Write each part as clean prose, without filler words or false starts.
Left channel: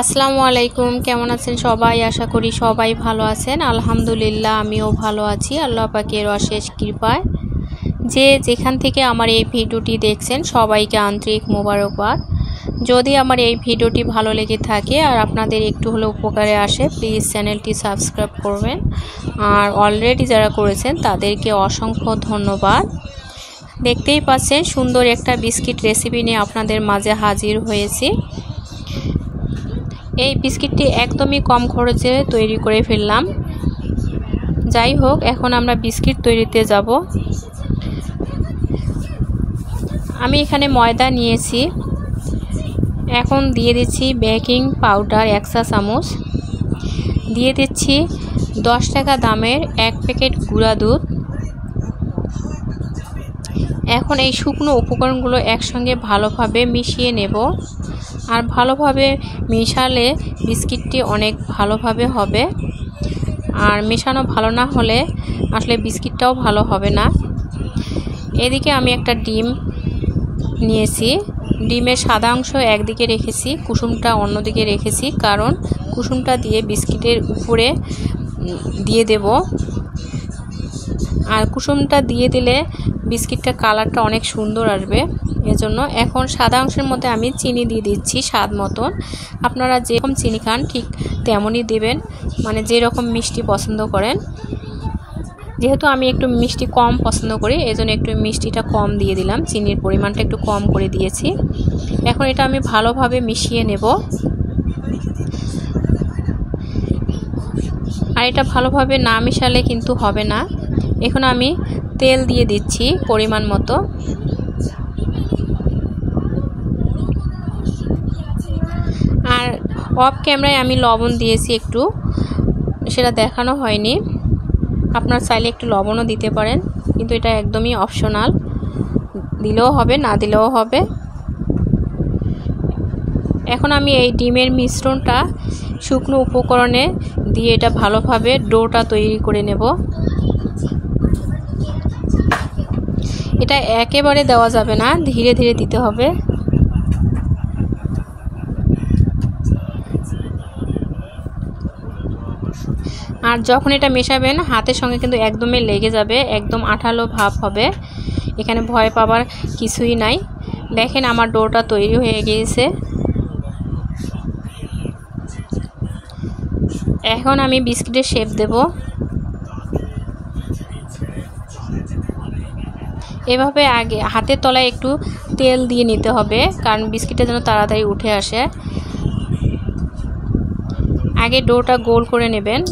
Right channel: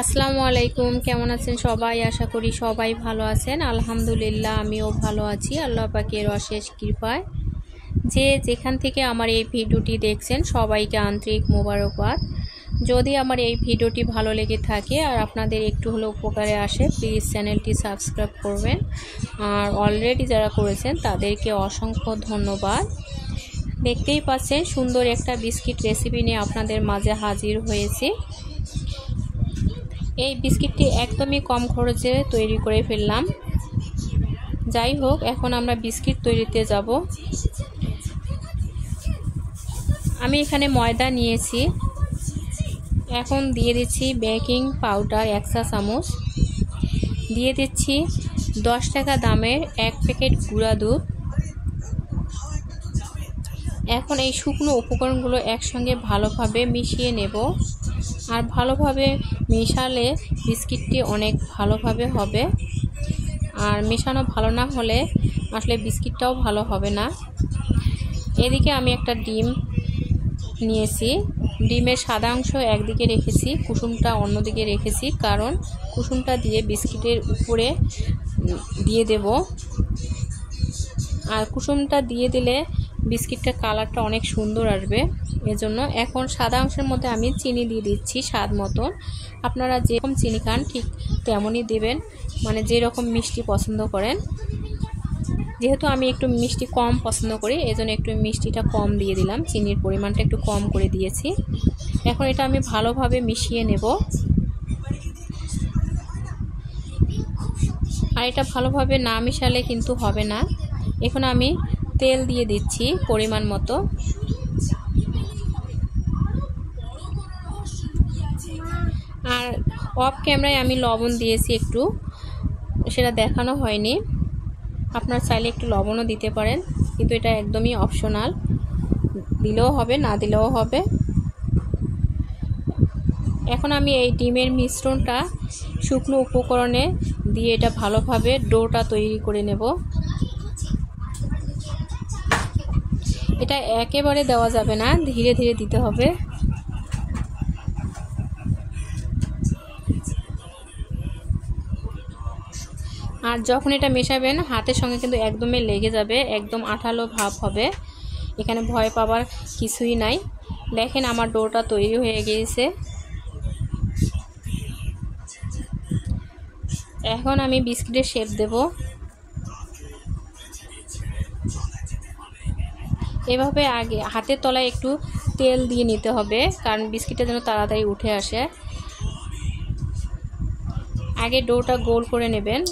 আসসালামু আলাইকুম, কেমন আছেন সবাই? আশা করি সবাই ভালো আছেন। আলহামদুলিল্লাহ আমিও ভালো আছি আল্লাহ পাকের অশেষ কৃপায়। যে যেখান থেকে আমার এই ভিডিওটি দেখছেন সবাইকে আন্তরিক মোবারকবাদ। যদি আমার এই ভিডিওটি ভালো লেগে থাকে আর আপনাদের একটু হলেও উপকারে আসে, প্লিজ চ্যানেলটি সাবস্ক্রাইব করবেন। আর অলরেডি যারা করেছেন তাদেরকে অসংখ্য ধন্যবাদ। দেখতেই পাচ্ছেন সুন্দর একটা বিস্কিট রেসিপি নিয়ে আপনাদের মাঝে হাজির হয়েছি। এই বিস্কিটটি একদমই কম খরচে তৈরি করে ফেললাম। যাই হোক, এখন আমরা বিস্কিট তৈরিতে যাব। আমি এখানে ময়দা নিয়েছি। এখন দিয়ে দিচ্ছি বেকিং পাউডার 1 চা চামচ, দিয়ে দিচ্ছি 10 টাকা দামের 1 প্যাকেট গুঁড়া দুধ। এখন এই শুকনো উপকরণগুলো একসঙ্গে ভালোভাবে মিশিয়ে নেব। আর ভালোভাবে মেশালে বিস্কিটটি অনেক ভালোভাবে হবে। আর মেশানো ভালো না হলে আসলে বিস্কিটটাও ভালো হবে না। এদিকে আমি একটা ডিম নিয়েছি। ডিমের সাদা অংশ একদিকে রেখেছি, কুসুমটা অন্যদিকে রেখেছি, কারণ কুসুমটা দিয়ে বিস্কিটের উপরে দিয়ে দেব। আর কুসুমটা দিয়ে দিলে বিস্কিটটার কালারটা অনেক সুন্দর আসবে, এজন্য। এখন সাদা অংশের মধ্যে আমি চিনি দিয়ে দিচ্ছি স্বাদ মতন। আপনারা যেরকম চিনি খান ঠিক তেমনই দেবেন, মানে যেরকম মিষ্টি পছন্দ করেন। যেহেতু আমি একটু মিষ্টি কম পছন্দ করি, এজন্য একটু মিষ্টিটা কম দিয়ে দিলাম, চিনির পরিমাণটা একটু কম করে দিয়েছি। এখন এটা আমি ভালোভাবে মিশিয়ে নেব। আর এটা ভালোভাবে না মিশালে কিন্তু হবে না। এখন আমি তেল দিয়ে দিচ্ছি পরিমাণ মতো। আর অফ ক্যামেরায় আমি লবণ দিয়েছি একটু, সেটা দেখানো হয়নি। আপনার চাইলে একটু লবণও দিতে পারেন, কিন্তু এটা একদমই অপশনাল, দিলেও হবে না দিলেও হবে। এখন আমি এই ডিমের মিশ্রণটা শুকনো উপকরণে দিয়ে এটা ভালোভাবে ডোটা তৈরি করে নেব। এটা একেবারে দেওয়া যাবে না, ধীরে ধীরে দিতে হবে। আর যখন এটা মেশাবেন হাতের সঙ্গে কিন্তু একদমই লেগে যাবে, একদম আঠালো ভাব হবে। এখানে ভয় পাবার কিছুই নাই। দেখেন আমার ডোটা তৈরি হয়ে গিয়েছে। এখন আমি বিস্কিটের শেপ দেব। এভাবে আগে হাতের তলায় একটু তেল দিয়ে নিতে হবে, কারণ বিস্কিটটা যেন তাড়াতাড়ি উঠে আসে। আগে ডোটা গোল করে নেবেন।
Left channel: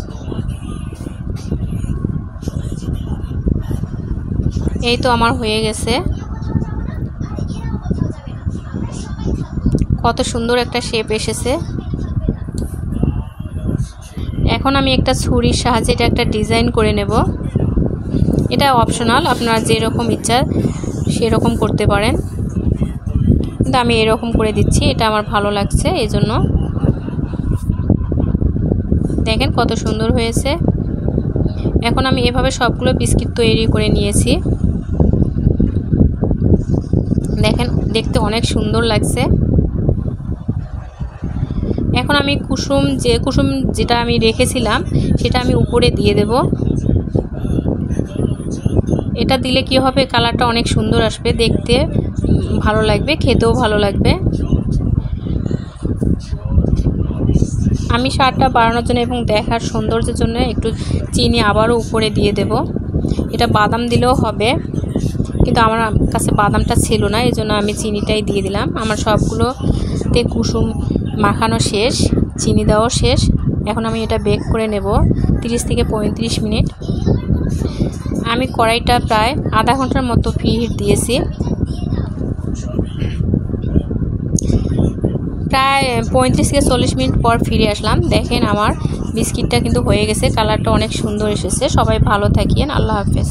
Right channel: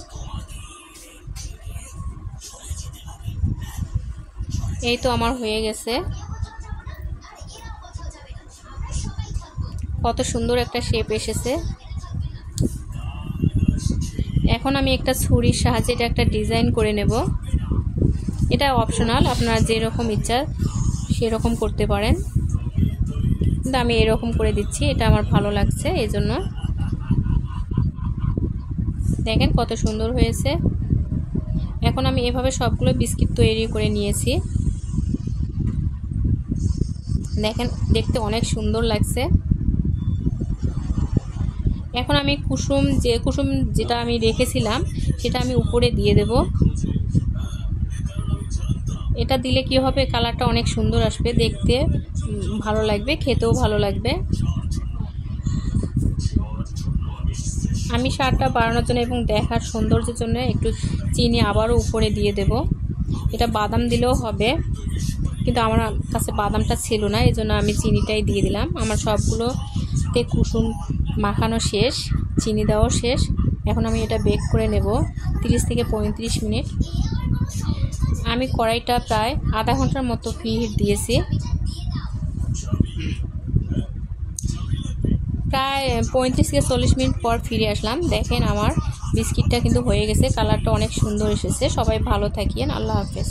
এই তো আমার হয়ে গেছে। কত সুন্দর একটা শেপ এসেছে। এখন আমি একটা ছুরির সাহায্যে এটা একটা ডিজাইন করে নেব। এটা অপশনাল, আপনারা যেরকম ইচ্ছা সেরকম করতে পারেন, কিন্তু আমি এরকম করে দিচ্ছি, এটা আমার ভালো লাগছে এই জন্য। দেখেন কত সুন্দর হয়েছে। এখন আমি এভাবে সবগুলো বিস্কিট তৈরি করে নিয়েছি। দেখেন দেখতে অনেক সুন্দর লাগছে। এখন আমি কুসুম যেটা আমি রেখেছিলাম সেটা আমি উপরে দিয়ে দেব। এটা দিলে কি হবে, কালারটা অনেক সুন্দর আসবে, দেখতে ভালো লাগবে, খেতেও ভালো লাগবে। আমি স্বাদটা বাড়ানোর জন্য এবং দেখার সৌন্দর্যের জন্য একটু চিনি আবারও উপরে দিয়ে দেব। এটা বাদাম দিলেও হবে, কিন্তু আমার কাছে বাদামটা ছিল না, এই জন্য আমি চিনিটাই দিয়ে দিলাম। আমার সবগুলোতে কুসুম মাখানো শেষ, চিনি দেওয়াও শেষ। এখন আমি এটা বেক করে নেব 30 থেকে 35 মিনিট। আমি কড়াইটা প্রায় আধা ঘন্টার মতো হিট দিয়েছি। প্রায় 35 থেকে 40 মিনিট পর ফিরে আসলাম। দেখেন আমার বিস্কিটটা কিন্তু হয়ে গেছে, কালারটা অনেক সুন্দর এসেছে। সবাই ভালো থাকিয়েন, আল্লাহ হাফেজ।